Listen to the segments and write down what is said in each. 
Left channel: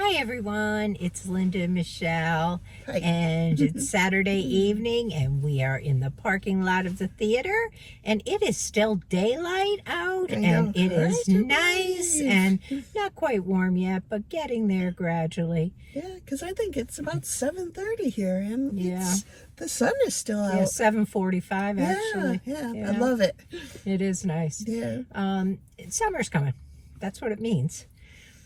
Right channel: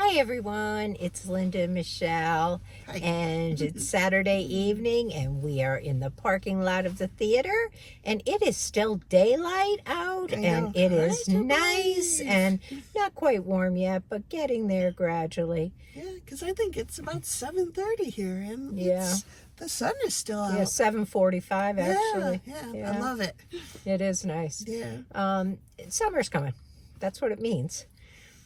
Hi everyone, it's Linda and Michelle, Hi. and it's Saturday evening and we are in the parking lot of the theater and it is still daylight out and it is nice and not quite warm yet, but getting there gradually. Yeah, because I think it's about 7:30 here and Yeah. the sun is still out. Yeah, 7:45 actually. Yeah, I love it. It is nice. Yeah. Summer's coming. That's what it means.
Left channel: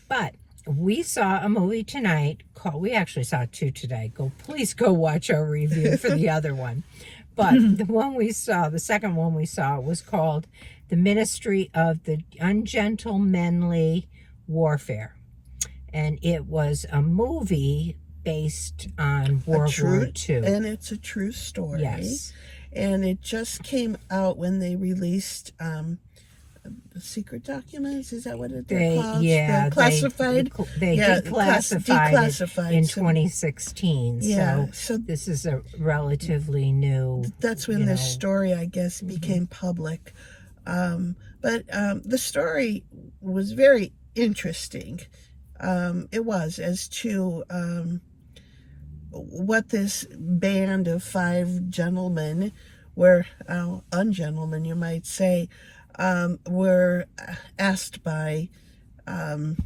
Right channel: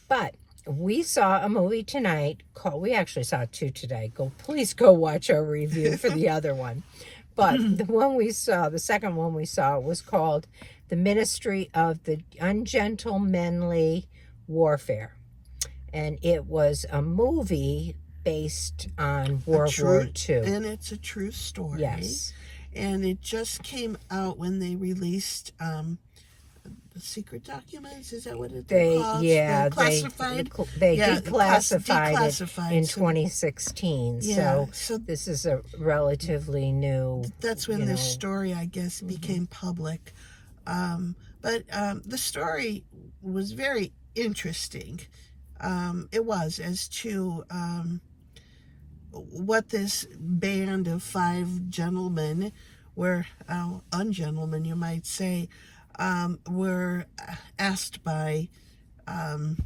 But we saw a movie tonight we actually saw two today. Please go watch our review for the other one. But the second one we saw was called The Ministry of Ungentlemanly Warfare. And it was a movie based on World War II. And it's a true story. Yes. And it just came out when they released the secret documents. Is that what they're called? Yeah, classified. They declassified it in 2016. Yeah, so this is a relatively new. That's when this story, I guess, became public. But the story was very interesting. It was as to what this band of 5 gentlemen were, ungentlemen, you might say, were asked by, what's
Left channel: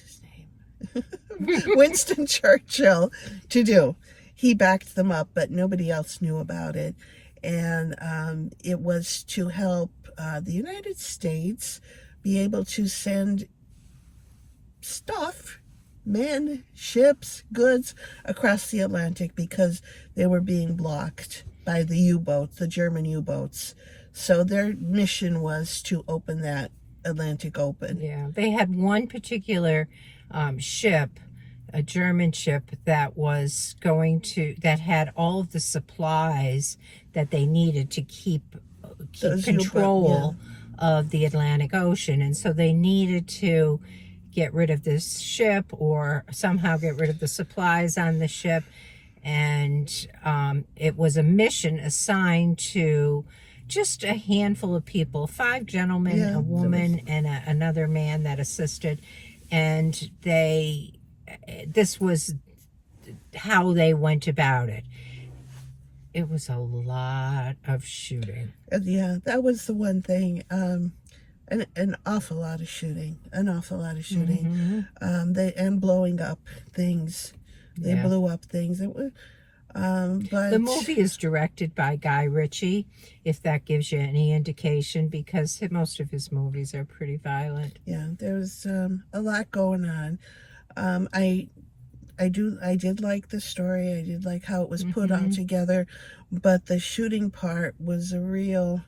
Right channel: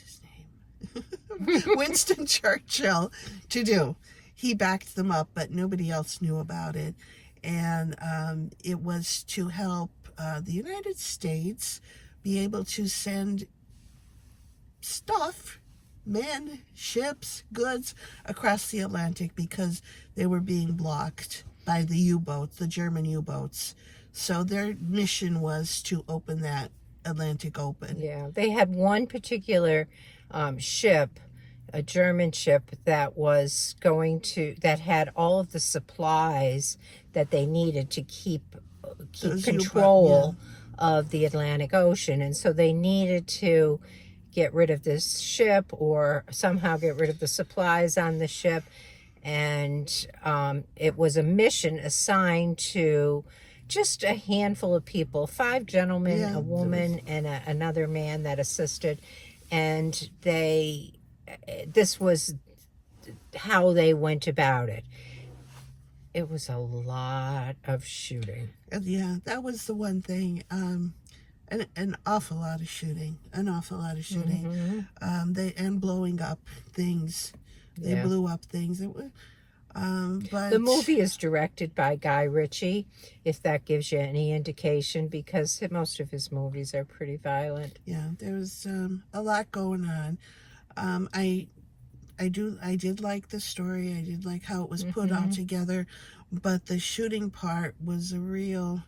his name? Winston Churchill to do. He backed them up, but nobody else knew about it. And it was to help the United States be able to send stuff, men, ships, goods across the Atlantic because they were being blocked by the U-boats, the German U-boats. So their mission was to open that Atlantic open. Yeah, they had one particular ship, a German ship that was that had all of the supplies that they needed to keep control of the Atlantic Ocean. And so they needed to get rid of this ship or somehow get rid of the supplies on the ship. And it was a mission assigned to just a handful of people, 5 gentlemen, a woman, and another man that assisted. And this was how they went about it. It was a lot of shooting. Yeah, that was the one thing. An awful lot of shooting. Mm-hmm. And blowing up things. They blew up things. But the movie is directed by Guy Ritchie, if that gives you any indication, because most of his movies are pretty violent. Yeah, there's a lot going on. I did like the story. I did like how it was put on together, but the shooting part was a real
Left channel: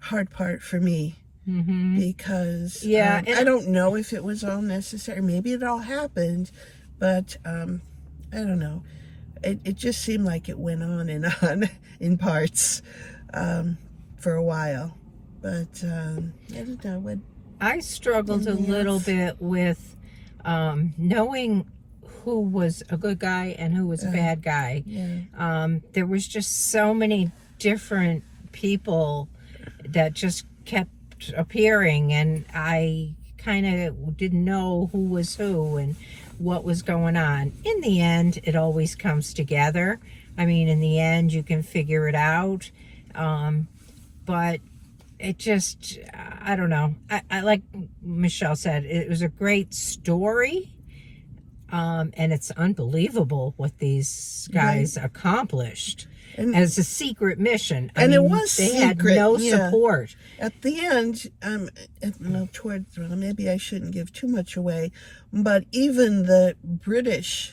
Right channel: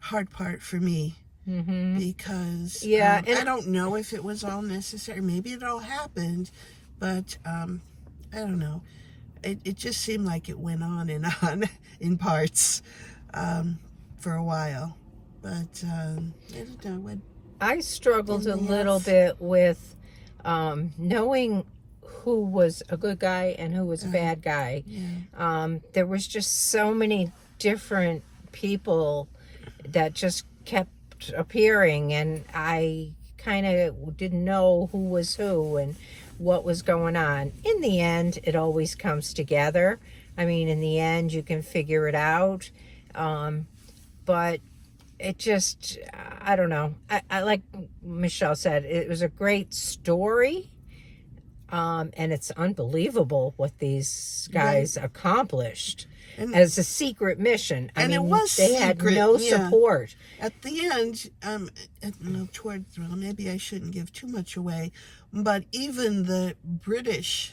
hard part for me. Because I don't know if it was all necessary. Maybe it all happened, but I don't know. It just seemed like it went on and on in parts for a while. But I don't know. I struggled a little bit with knowing who was a good guy and who was a bad guy. Yeah. There was just so many different people that just kept appearing, and I kind of didn't know who was who and what was going on. In the end, it always comes together. I mean, in the end, you can figure it out. But it just, I don't know. I like Michelle said, it was a great story. And it's unbelievable what these guys accomplished as a secret mission. I mean, it was they had no support. At the end, maybe I shouldn't give too much away, but even the British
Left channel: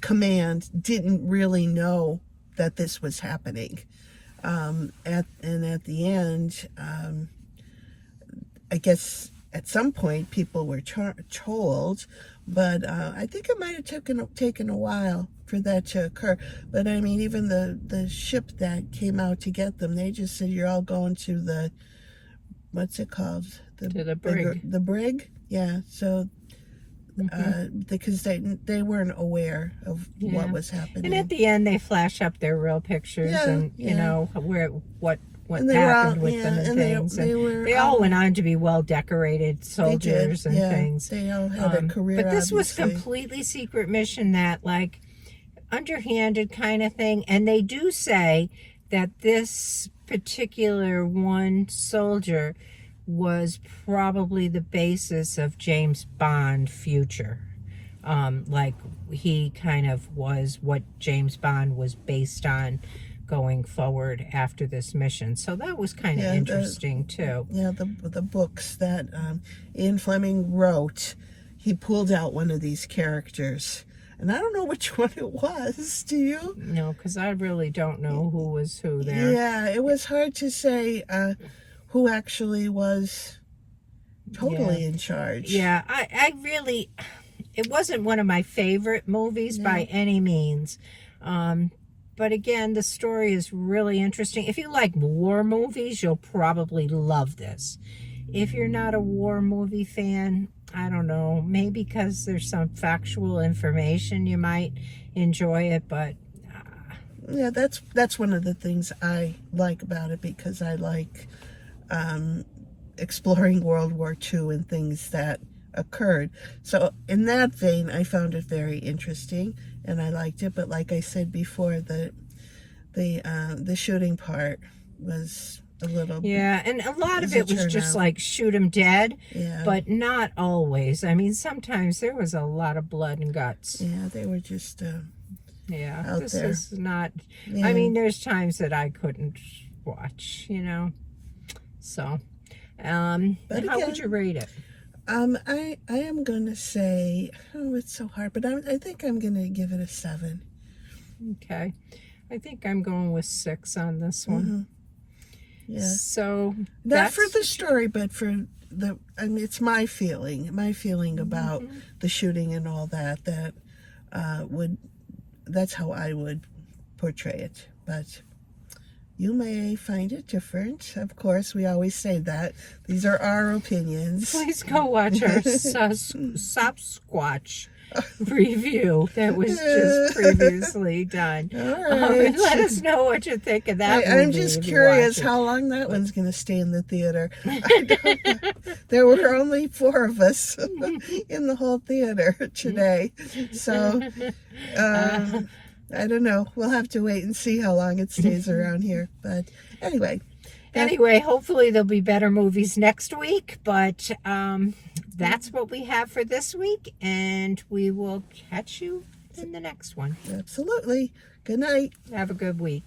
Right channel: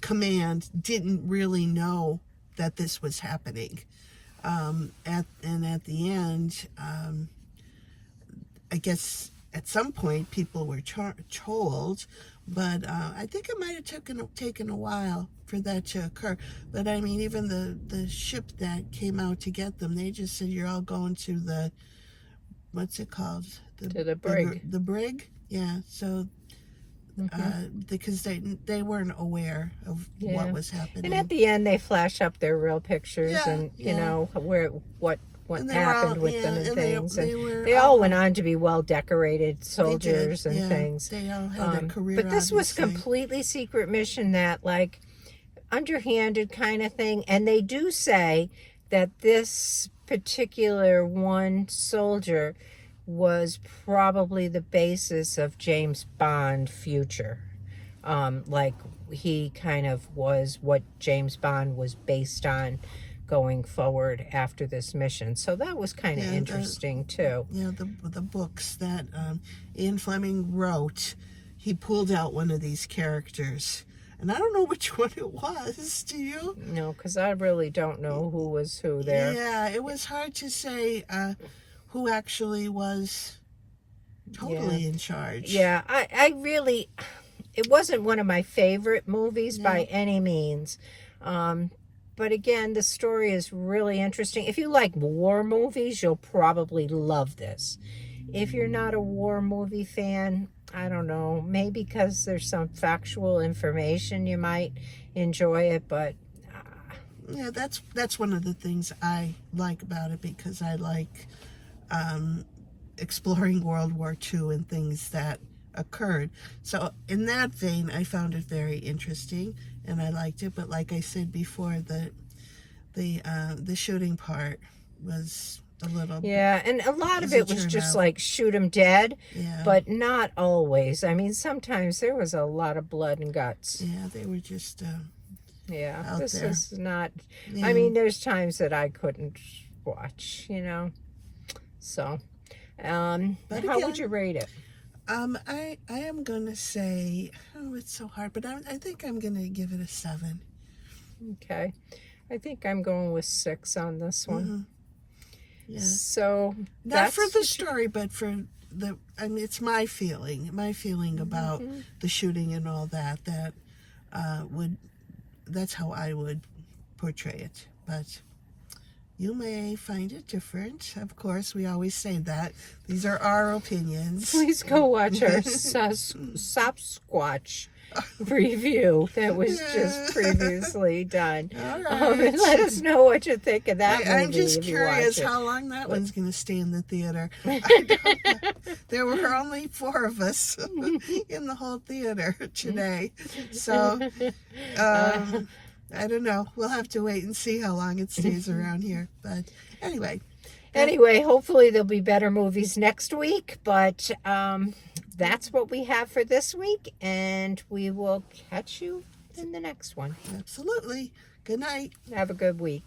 command didn't really know that this was happening. At the end, I guess at some point people were told, but I think it might have taken a while for that to occur. But I mean, even the ship that came out to get them, they just said, "You're all going to the, what's it called? To the brig." The brig, yeah. So because they weren't aware of what was happening. And at the end, they flash up their real pictures and you know what what And they were happened all, with yeah, them and and things. they all went on to be well-decorated soldiers they did, and yeah. things. They all had a career, But this was obviously. completely secret mission that, like, underhanded kind of thing. And they do say that this particular one soldier was probably the basis of James Bond future. Like, he kind of was what James Bond was based on going forward after this mission. So that was kind of interesting too. Yeah, the books that Ian Fleming wrote, he pulled out one of these characters. And I don't know which one it was. Do you? No, because I really don't know who was who there. Yeah, it was hard to say who actually was totally in charge. Yeah, I really, it wasn't one of my favorite movies by any means. But again, the story is really interesting. If you like war movies, you'll probably love this. If you're not a war movie fan, I don't know, maybe because there's some factual information you might enjoy it, but yeah, that's one of the things I like about it, because I like exploring World War II and things that occurred. So in that vein, I found it very interesting and I liked it. But like I said before, the shooting part was a little, and a lot of it was just like shoot 'em dead, but not always. I mean, sometimes there was a lot of blood and guts. Yeah, they were just out this there. is not, I mean, there's times that I couldn't watch, so but how would you rate it? I am gonna say, it's so hard, but I think I'm gonna give it a 7. Okay, I think I'm going with 6 on this one. Yeah. So not for the story, but for it's my feeling about the shooting and all that. That's how I would portray it. But you may find it different. Of course, we always say that. These are our opinions. Please go watch our Sasquatch review that was just previously done. All right. Let us know what you think of that movie. I'm just curious how long that one's going to stay in the theater. I don't know. There were only 4 of us in the whole theater today. So, I don't know. We'll have to wait and see how long it stays around here. But anyway. Hopefully there'll be better movies next week. But that's what we have for this week. And we will catch you in the next one. Absolutely. Good night. Have a good week.